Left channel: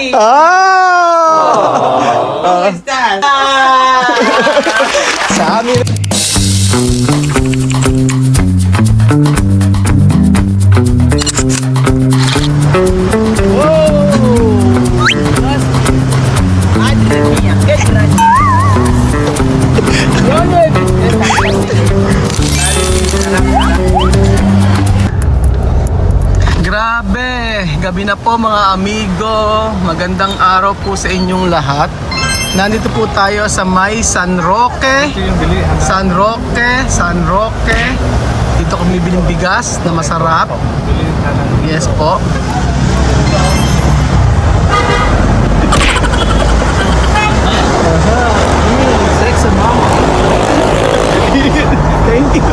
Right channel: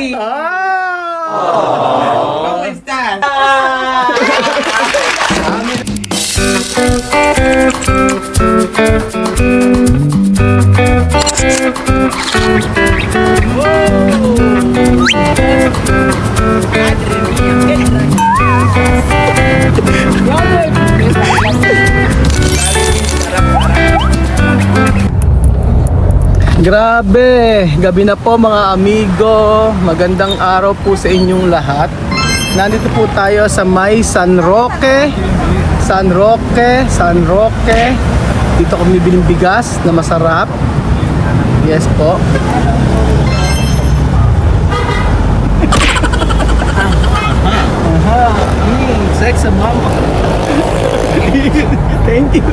Hey! Oh! ¿Cómo estás? Sa amin. Madre mía, qué extraño. Grabe, gabi na po mga amigo. Magandang araw po sa inyong lahat. Nandito po tayo sa may San Roque. San Roque. Dito kami biling bigas na masarap. Yes po. Sex sa mama. Thank you.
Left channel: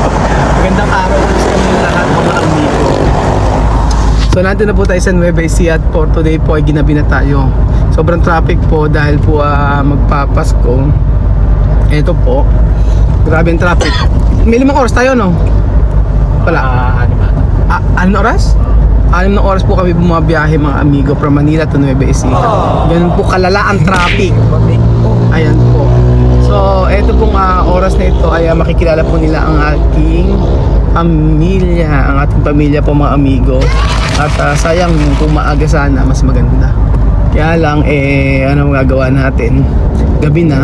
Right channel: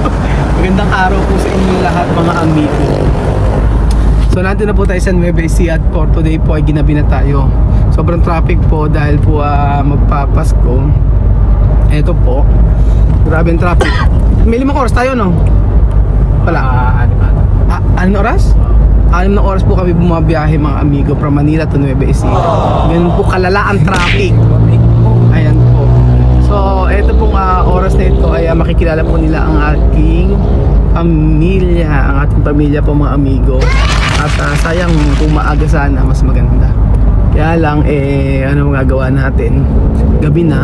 Magandang araw po sa inyong lahat mga amigo. So natin na po tayo sa Nueva Ecija at for today po ay ginabi na tayo. Sobrang traffic po dahil po magpapasko. Ito po. Grabe yung traffic. May 5 oras tayo, no? Wala. Anong oras? 6 na oras po kami bumabiyahe mga amigo from Manila to Nueva Ecija. Ganun po kalala ang traffic. Ayan po. So ito pong oras na ito ay makikilala po nila ang ating pamilya. Ang ating pamilya po mga amigo. At sayang kung maaga sana mas maganda. Kaya lang ano magagawa natin? Gabi na.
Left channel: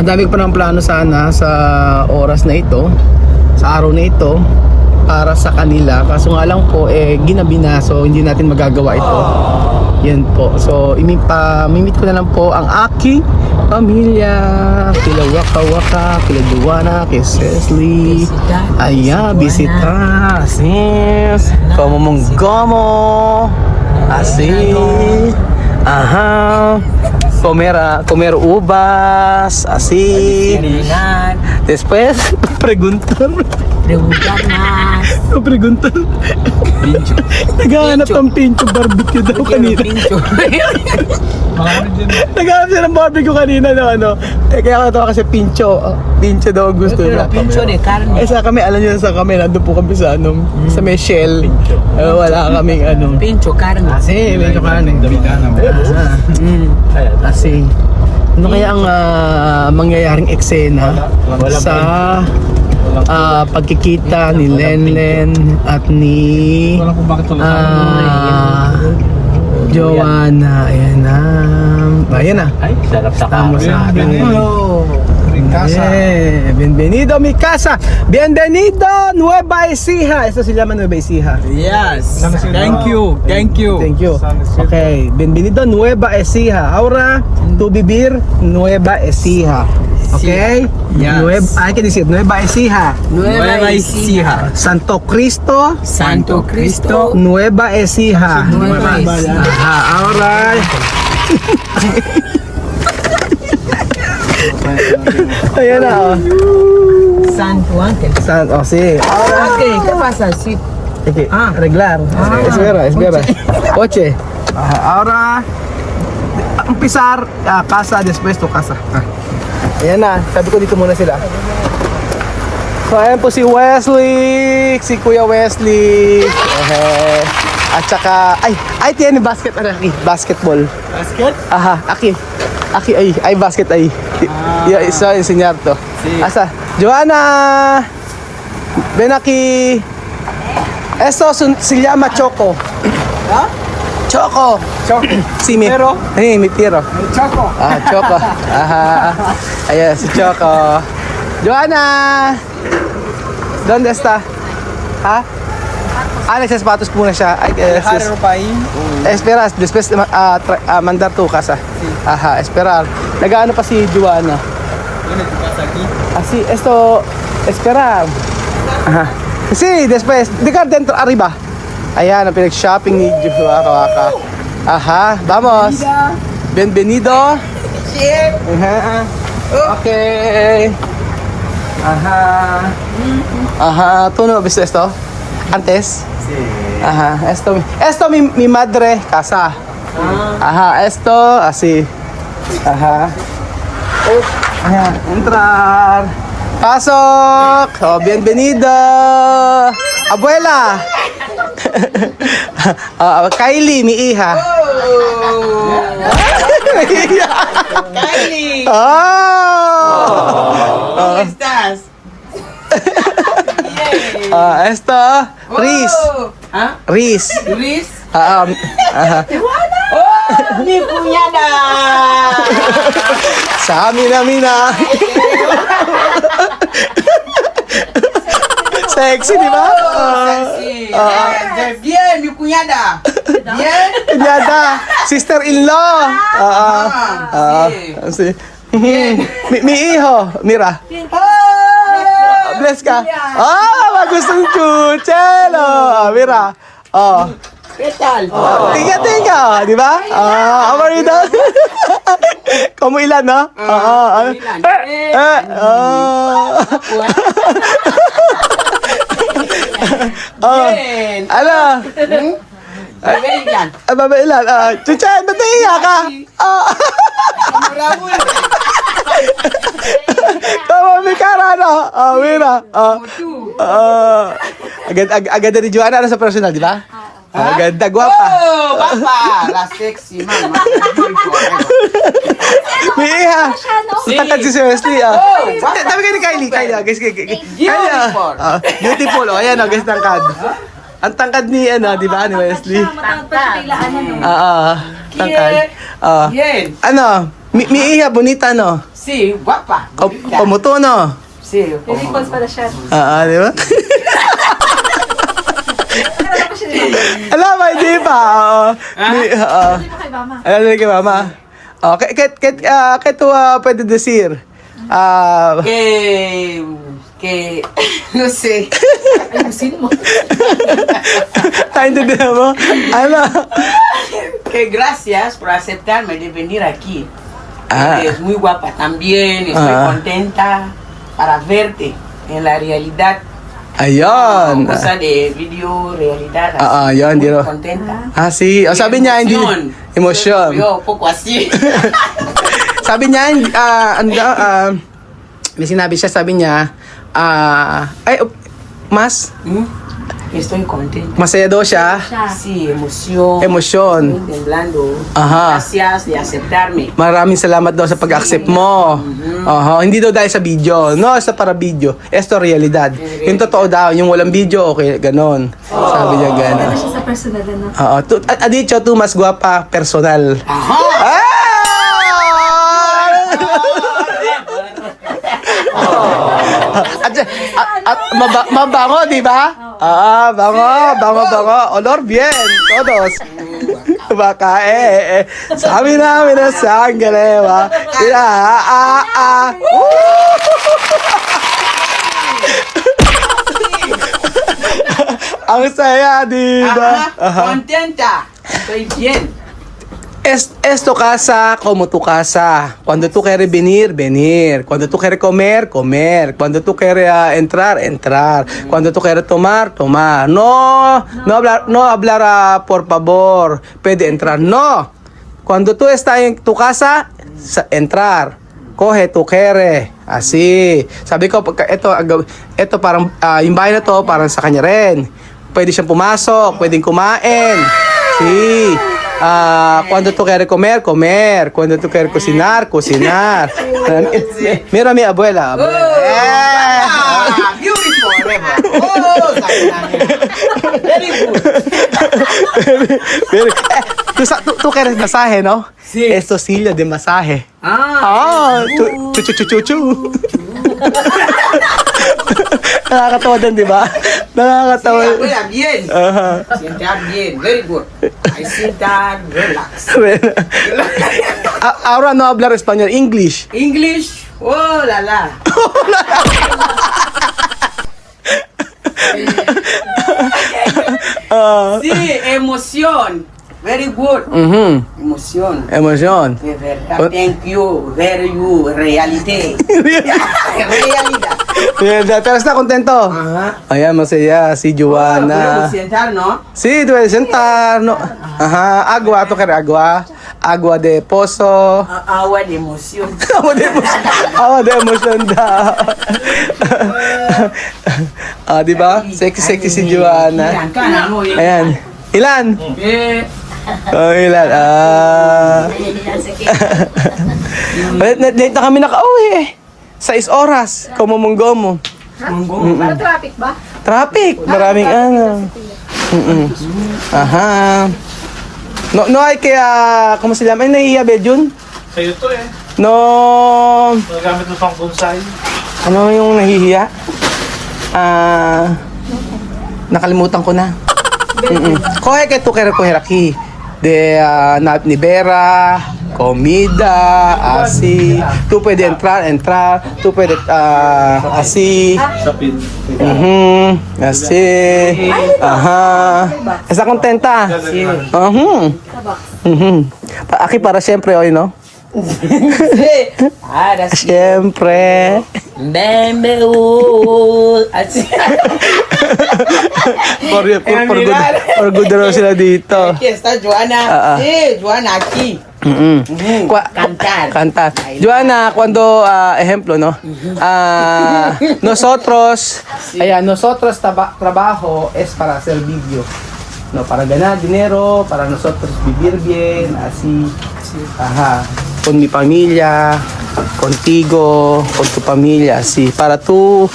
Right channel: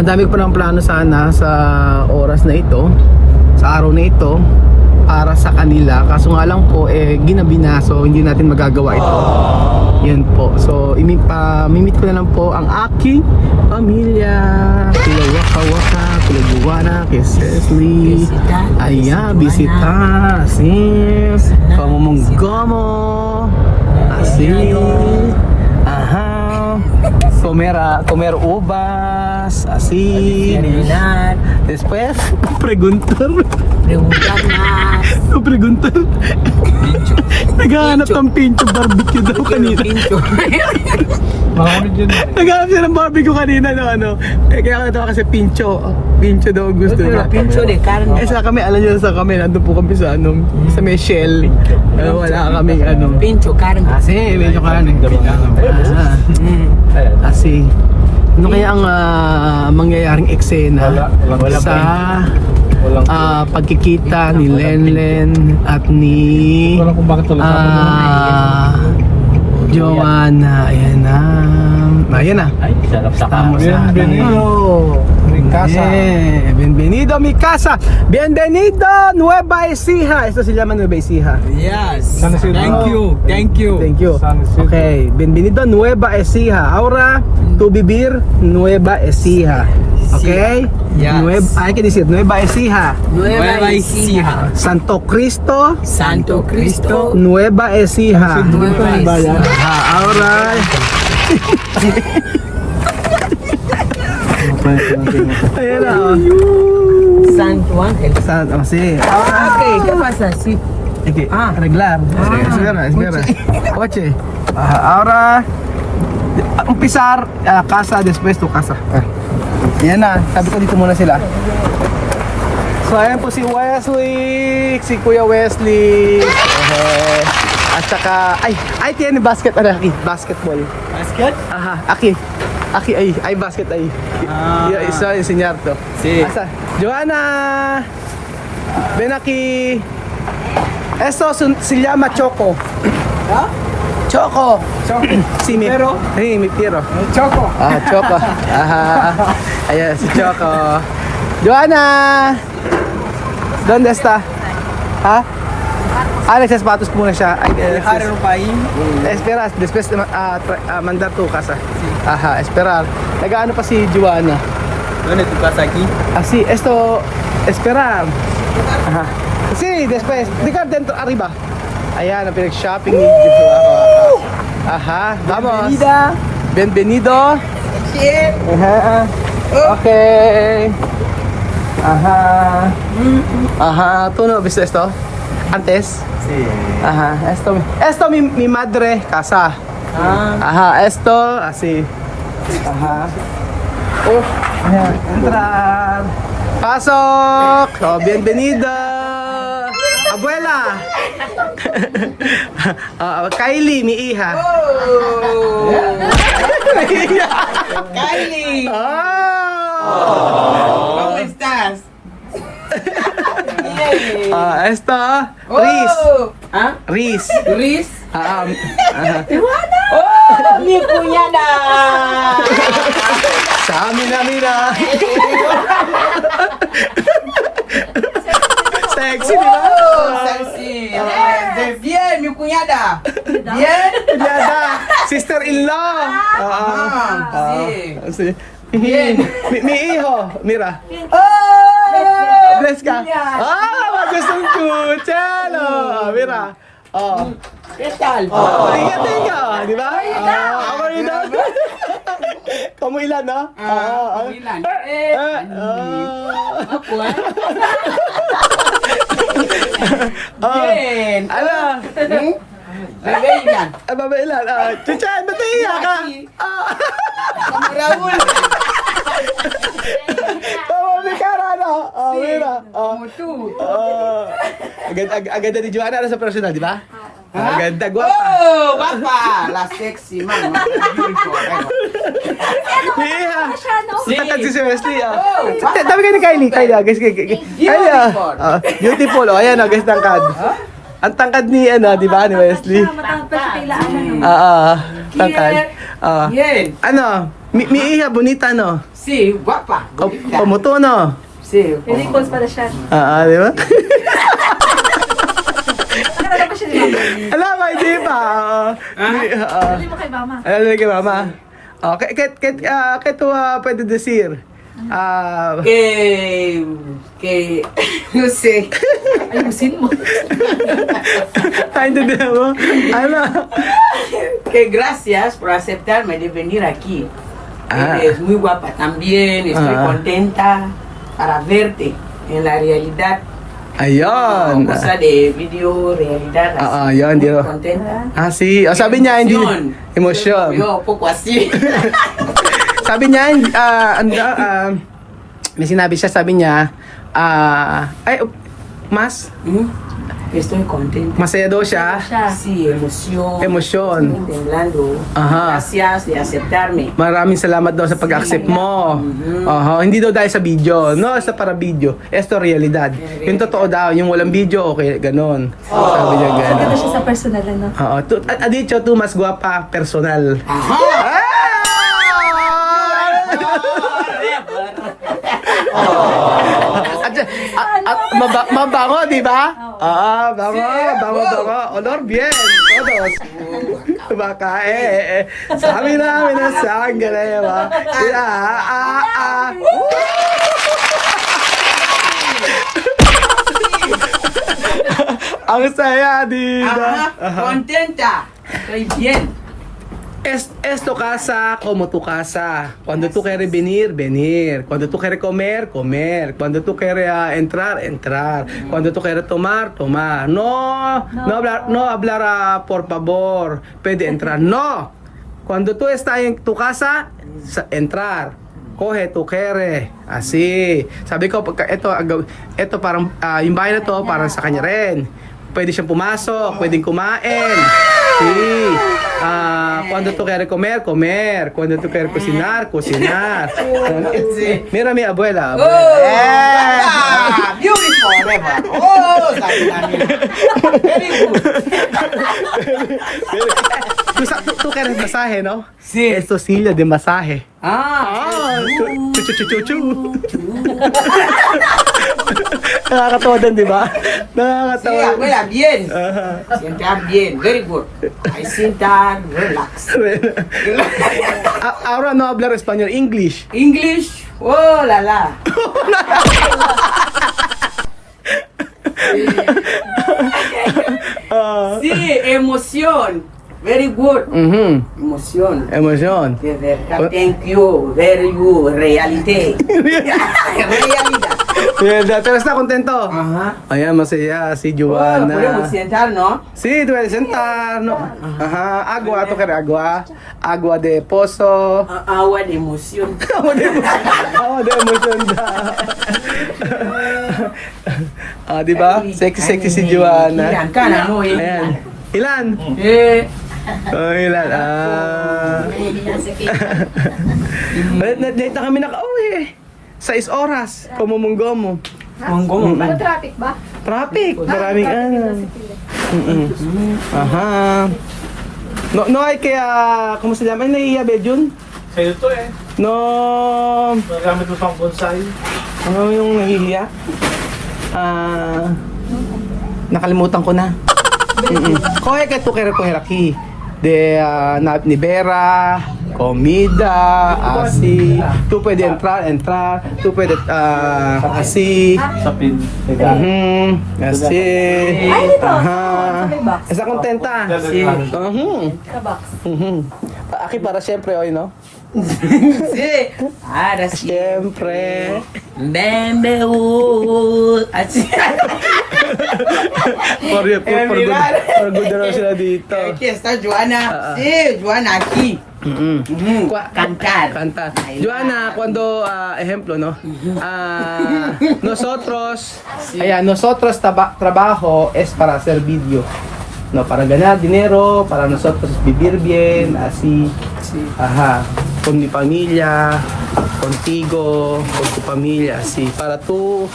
Ang dami ko pa ng plano sana sa oras na ito, sa araw na ito para sa kanila. Kaso nga lang po ginabi na, so hindi natin magagawa ito. Yun po. So mimit ko na lang po ang aking pamilya. Kila Waka Waka, kila Joanna, kila Cecily. Ayan, bisita. Sis. Como Monggomo. Así. Aha. Comer uvas. Así. Después, preguntar. Preguntar. Pincho. Naghahanap ng pincho barbecue daw kanina. Pincho. Naghahanap siya ng barbecue kanina no, ano. Kaya ako tawa kasi pincho. Pincho daw ang gusto niya. Pincho de carne. Sa kami, alam niyo sa kami, nandun po kami sa sa may shell. Wala kaming Pincho carne. Kasi, pincho karne. Kasi, ano kaya ang mangyayaring eksena sa pagkikita ni Lenlen at ni Joanna? Ayan na. Ayan na. Ay, sarap sa Tama sa akin. Bienvenido a mi casa. Bienvenido Nueva Ecija. Esto se llama Nueva Ecija. Yes. Thank you. Thank you. Thank you. Okay, bienvenido Nueva Ecija. Ahora to vivir Nueva Ecija. Okay? Yes. Hay que decir Nueva Ecija. Nueva Ecija. Santo Cristo. Santo Cristo. Nueva Ecija. Nueva Ecija. Ahora. Ayan na. San Juan. Sí. Okay, ¿qué pasa? Sí. Okay. Arreglar. Espera. Oche. Ahora empezar casa después tu casa. Yan na, sabi ko dito muna sila. So ayan po si Wesley, si Kuya Wesley. At saka tiene basket aquí, basketball. Basket? Aha, aquí ay basket ay. Isa enseñar to. Sí. Asa, Joanna. Ven aquí. Esto se llama Choco. Choco. Sí, mi tiro. Choco. Choco. Ajá. Ayan, si Choco. Joanna! ¿Dónde está? Ha? Nagsasapatos muna siya. Espera, después mandar tu casa. Ajá, esperar. Nag-ano pa si Joanna? ¿Dónde tu casa aquí? Así, esto, esperar. Ajá. Sí, después, diga dentro, arriba. Ayan, ang pinag-shopping ni Waka. Aha, vamos. Bienvenido. Ajá. Okay. Ajá. ¿Tú no viste esto? ¿Antes? Sí. Ajá. Esto mi madre casa. Ajá. Esto así. Ajá. Ayan, entrar. Pasok. Oh, bienvenido. Abuela. Kylie, mi hija. Kylie. Ah! ¿Cómo estás? Esto, Riz. ¿Ah? Riz. Luis. Aha. ¡Oh, mi cuñada! Sa Mina. Sexy, di ba? Oh, sexy. Bien, mi cuñada. Bien. Kunyada, sister-in-law. Sí. Si. Mi hijo, Mira. Oh, Bless ka. Bagus yung kutselo. Mira. ¿qué tal? Tinga, di ba? How are you daw? Kumuilan, no? Milan. Bien. Ano? Babailan. Babailan. Chuchan, ba't naiiyak ka? Como Raúl. Tama, may karano. Mira. Como tú. Agad ni Joanna sa personal, di ba? Ganda, guwapa. Oh, guapa. La sexy, mama. May iha. Sí. Tatad si Wesley. Oh, Dami kayo ni Kylie. Guys. Kylie. Beautiful. Ayan, guys, tangkad. Ang tangkad ni, di ba, ni Wesley? Matangkad pa siya kay Laanan, no? Tangkad. Bien. Ano? Mi iha, bonita, no? Sí, guapa. Pamuto, no? Sí. Very close pala siya. Di ba? Nakakala pa siya ni Mama. Alam mo, hindi pa. Sabi mo kay Mama. Alam mo kay Mama. Kaya ito pwede decir. Que, no sé. Ayusin mo. Naintindihan mo? Ano? Que gracias por aceptarme de venir aquí. Ah. Eres muy guapa también. Estoy contenta para verte en la realidad. Ayun. Cosa de video realidad. Yun, Muy di ba? contenta. Si. Sabi niya, hindi. Emosyon. Yo, poco así. Sabi niya, may sinabi siya, sabi niya, mas Estoy contenta. masaya daw siya. Sí, emoción. Emosyon. Temblando. Aha. Gracias de aceptarme. Maraming salamat daw sa pag-accept mo. Hindi daw dahil sa video. No, sa para video. Esto realidad. Yung totoo daw, yung walang video, okay, ganon. Sabi niya Sabi ganon. siya sa personal, ano? Dicho, tu mas guapa, personal. Ajá. Mabango, di ba? Bango. Olor bien, todos. Baka sabi namin na sangre, ba? Ang saya, di ba? Contenta. Estoy bien. Esto casa como tu casa. Cuando tú quieres venir. Cuando tú quieres comer. Cuando tú quieres entrar. Cuando tú quieres tomar. No hablar por favor. Puede entrar. No. Cuando tú estás en tu casa, entrar. Coge tu quieres. Así. Sabi ko, ito parang, yung bahay na to, parang sa kanya rin. Pwede siyang pumasok, pwedeng kumain. Sí. Cuando tú quieres comer. Cuando tú quieres cocinar. Mira mi abuela. Beautiful, Reba. Oh, very good. Tú quieres masaje, ¿no? Sí. Esto silla de masaje. Chu. Nakakatawa din, di ba? Sí, Nakakatawa. abuela, bien. Sentar bien, very good. I sentar, relax. Ahora no hablar español, English. English, oh la la. Sí, emoción. Very good. Emoción. Emotion. De verdad, thank you. Very good. Realidad. Realidad. Pero está contento. Ayan, masaya si Joanna. Podemos sentar, ¿no? Sí, tú puedes sentar. No. Agua, ¿tú quieres agua? Agua de pozo. Agua de emoción. Agua de emotion daw. Di ba? Sexy si Joanna. Ilan ka na, no? Ayan. Ilan? Ilan? Late na kami nakauwi eh. 6 oras. Kumumunggo mo. Para traffic ba? Traffic. Maraming ano. Aha. No ay kaya, kung sila may nahihiya Bedjun? Sa'yo to eh. No. Nagamit mo pang bonsai. Ano yung nahihiya? Nakalimutan ko na. Kohe kay tukere ko heraki. De ni Vera, comida, asi. Tu pwede entrar. Tu pwede asi. Sapin. Asi. Aha. Esa kontenta. Aki para siyempre oy no. Para Siyempre. Bembe Así. For good raw sila dito. Aquí está Joana. Sí, Joana aquí. Cantar. Cantar. Joana, cuando, ejemplo, ¿no? Nosotros, nosotros trabajo es para hacer video, ¿no? Para ganar dinero, para nosotros vivir bien, así. Ajá. Con mi familia, contigo, con tu familia, así. Para tú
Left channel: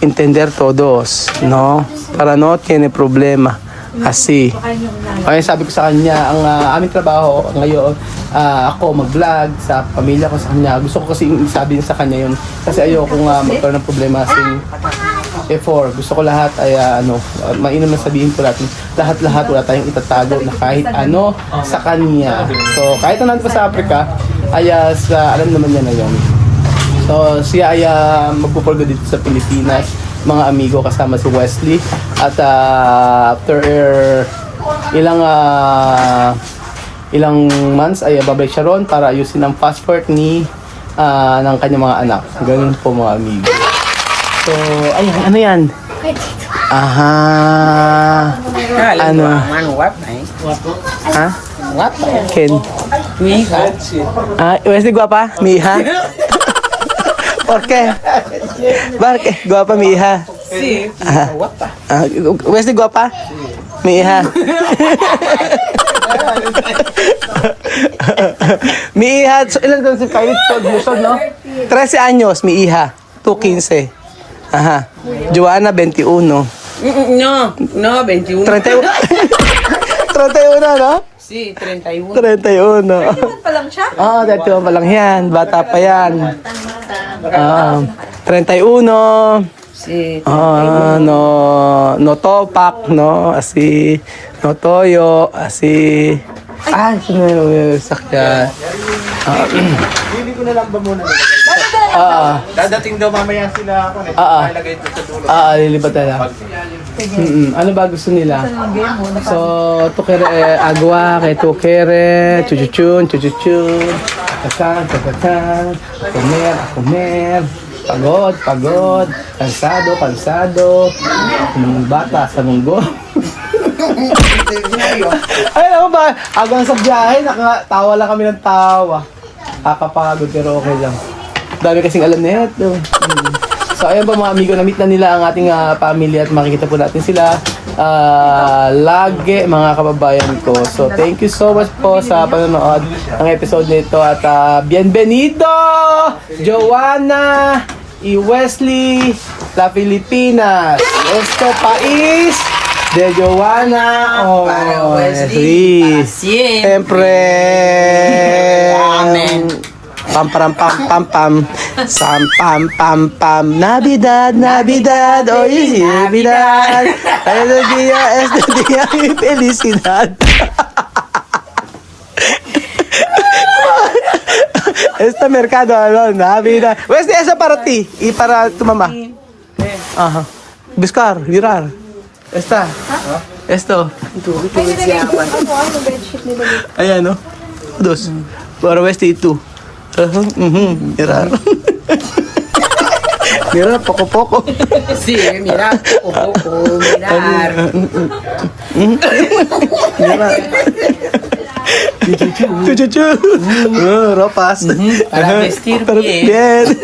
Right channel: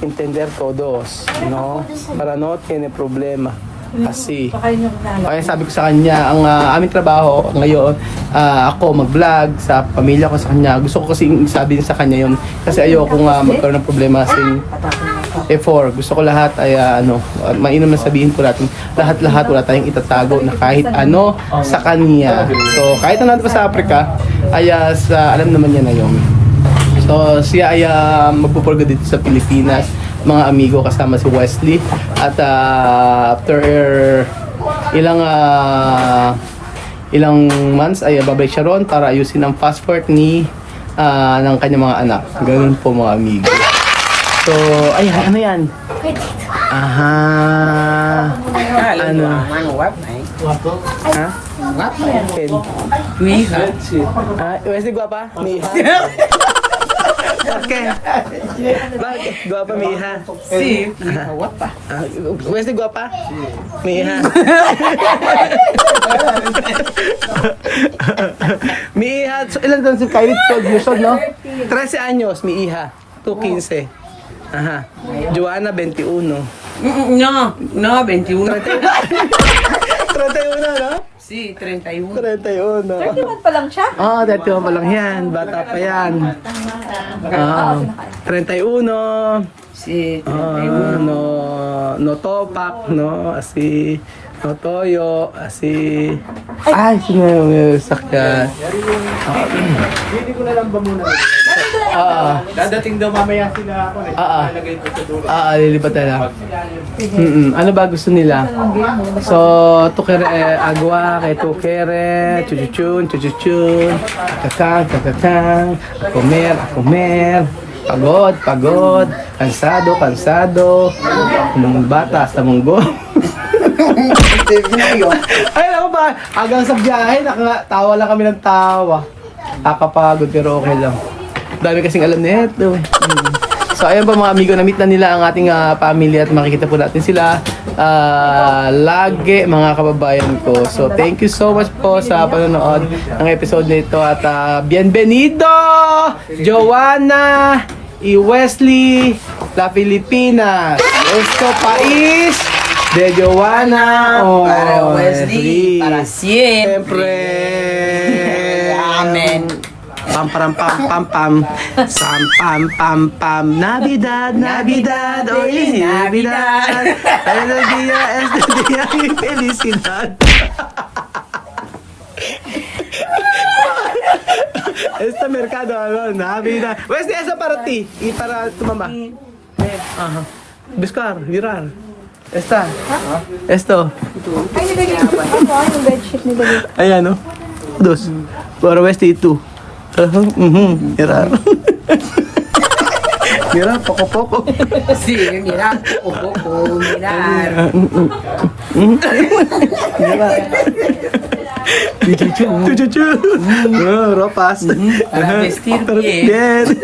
entender todos, ¿no? Para no tiene problema. Así. Kaya sabi ko sa kanya, ang aming trabaho ngayon, ako mag-vlog sa pamilya ko sa kanya. Gusto ko kasi sabihin sa kanya yon kasi ayoko nga magkaroon ng problema kasing gusto ko lahat ay mainam na sabihin ko natin, lahat-lahat wala tayong itatago na kahit ano sa kanya. So kahit na nandito pa sa Africa, ay alam naman niya na yun. So siya ay magpupurgo dito sa Pilipinas, mga amigo kasama si Wesley. At after ilang months ay babalik siya ron para ayusin ang passport ng kanyang mga anak. Ganun po mga amigo. So, ay, ano yan? Aha. Ano? Ha? Ken? Mi hija. Wesley, guapa? Mi hija? ¿Por qué? ¿Por qué? ¿Guapa mi hija? Sí, guapa. ¿Wesley guapa? Mi hija. Mi hija, ilan taon si Kylie? 12 years old, no? 13 años, mi hija. Tú 15. Ajá. Joana, 21. No, 21. 31. 31, no? Sí, 31. 31. Iwan pa lang siya? 31 pa lang yan. Bata pa yan. 31. Sí. No topak, no? Así. No toyo, así. Ay, sakyan. Hindi ko na lang ba muna. Dadating daw mamaya sila ako. Nalagay ko sa dulo. Lilipat na lang. Ano ba gusto nila? So, tukere agua, kay tukere, chuchuchun, kakakang, comer, pagod, kansado, bata sa munggo. Ay, ako ba? Hanggang sa biyahe, tawa lang kami ng tawa. Kakapagod pero okay lang. Dami kasing alam nito. So ayan po mga amigo, na-meet na nila ang ating family at makikita po natin sila lagi mga kababayan ko. So thank you so much po sa panonood ng episode nito at bienvenido Joana y Wesley la Filipinas. Esto país de Joana Para Wesley, para siempre. Amen. Pam pam pam sam pam Navidad, oy Navidad. El día es el día de felicidad. Este mercado, Navidad. Wesley, esa para ti y para tu mamá. Ajá. Buscar, virar. Esto. Ayan, no? Dos. Para Wesley, tú. Mira. Mira, poco. Sí, mira, mirar. Mira. Chuchu. Ropas. Para vestir bien.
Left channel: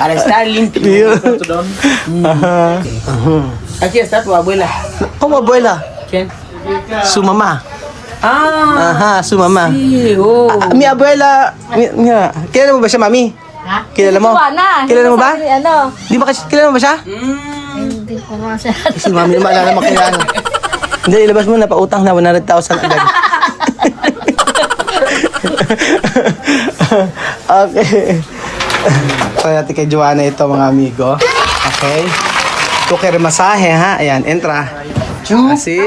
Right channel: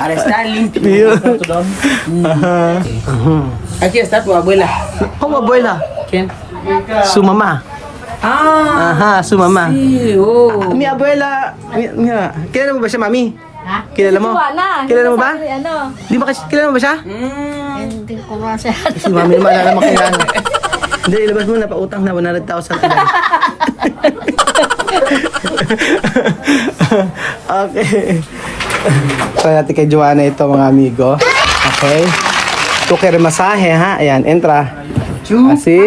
Para estar limpio. Ajá. Aquí está tu abuela. ¿Cómo abuela? ¿Quién? Su mamá. Aha, su mama. Sí, oh. Mi abuela, kilala mo ba siya, mami? Ha? Kilala mo? Kilala mo ba? Ano? Di ba kasi kilala mo ba siya? Hindi ko masya. Si mami naman, alam mo kilala. Hindi, ilabas mo na, pautang na 100,000 agad. Okay. Kaya natin kay Joanna ito, mga amigo. Okay. Tuker masahe, ha? Ayan, entra. Así.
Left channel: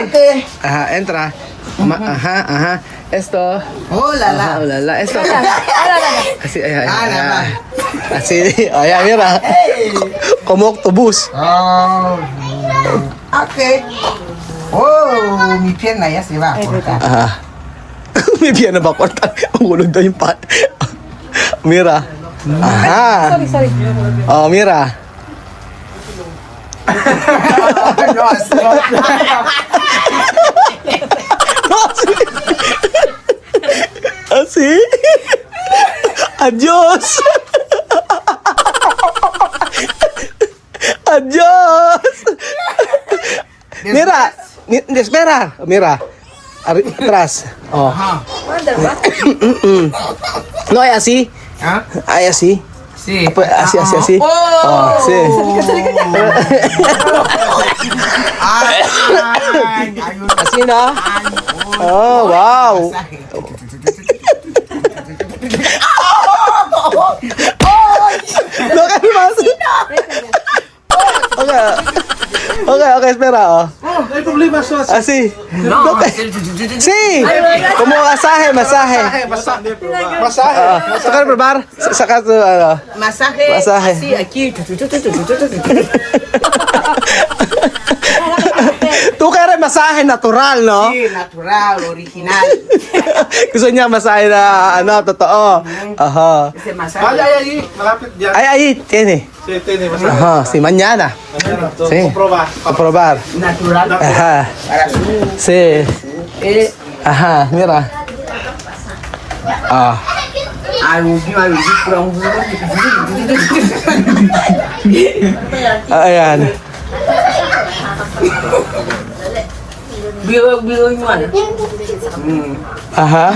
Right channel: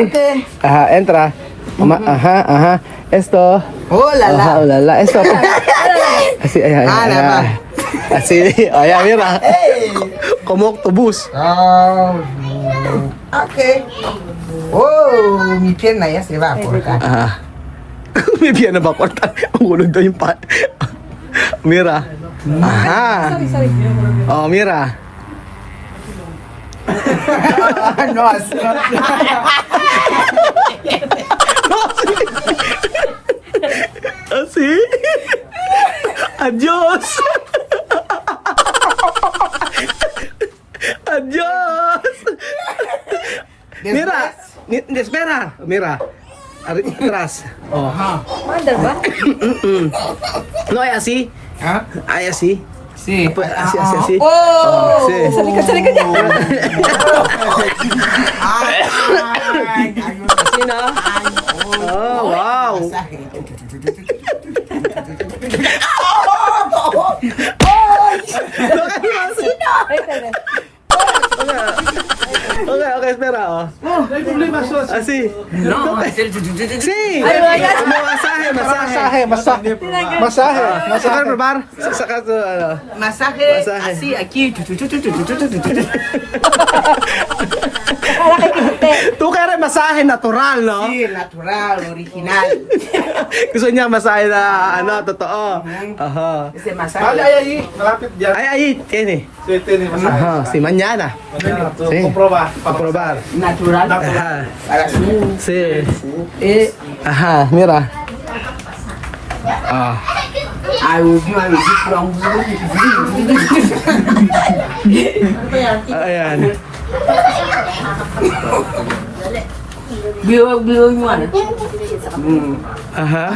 Ajá, entra. Ajá. Esto. Oh, la la. Ajá, ulala. Esto. Así, ayan. Así. Ayan, mira. Como octobús. Oh. Okay. Oh, mi pierna ya se va a cortar. Ajá. May piano ba kortan? Ulog daw yung pan. Mira. Aha. Oh, mira. No, así no. Así. Adiós. Adiós. Mira. Espera. Mira. Atrás. Oh. No, ay así. ¿Ah? Ay así. Sí. Pues, así. Oh, sí. Así, ¿no? Oh, wow. No, kasi mas. Okay, espera, oh. Ay, problema siya. Así. No, Sí. Como masaje. Masahe. Sacar probar. Sacar tu, ano. masaje. Masaje. Así, aquí. Tu kaya masahe natural, no? Sí, natural, original. Gusto niya masahe na, ano, totoo. Aha. Ese Ay, masaje. ay, malapit dyan. Ay, tiene. Sí, tiene masahe. Ajá, sí, mañana. Sí. Comproba. A probar. Natural. Ajá. Para su- Sí. Ah, Ajá, mira. Ah. I will give a review from Ayan. Bio yung ano. Aha.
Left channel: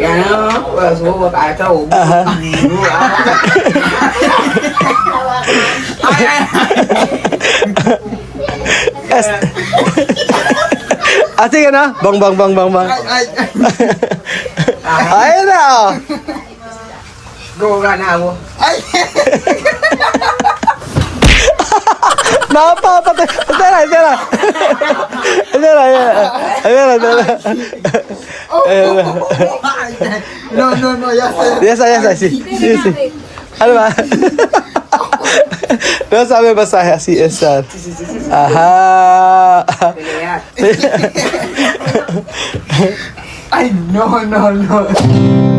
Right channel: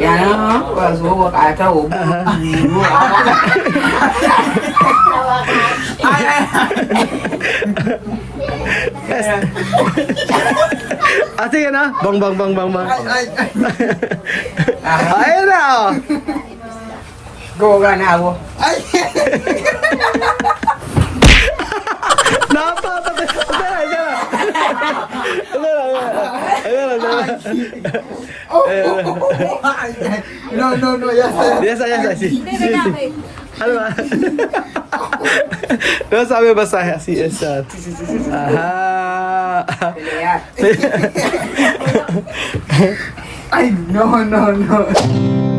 Yan o. Wala subo ka ata o. Aha. Así ka na? Bang. Ayun na, oh. Gawa na ako. Napapatay. Tara. No, ya está. Ya está, sí. Ano ba? No sabi masahe, así, esa. Aha. Pelea. Ay, no.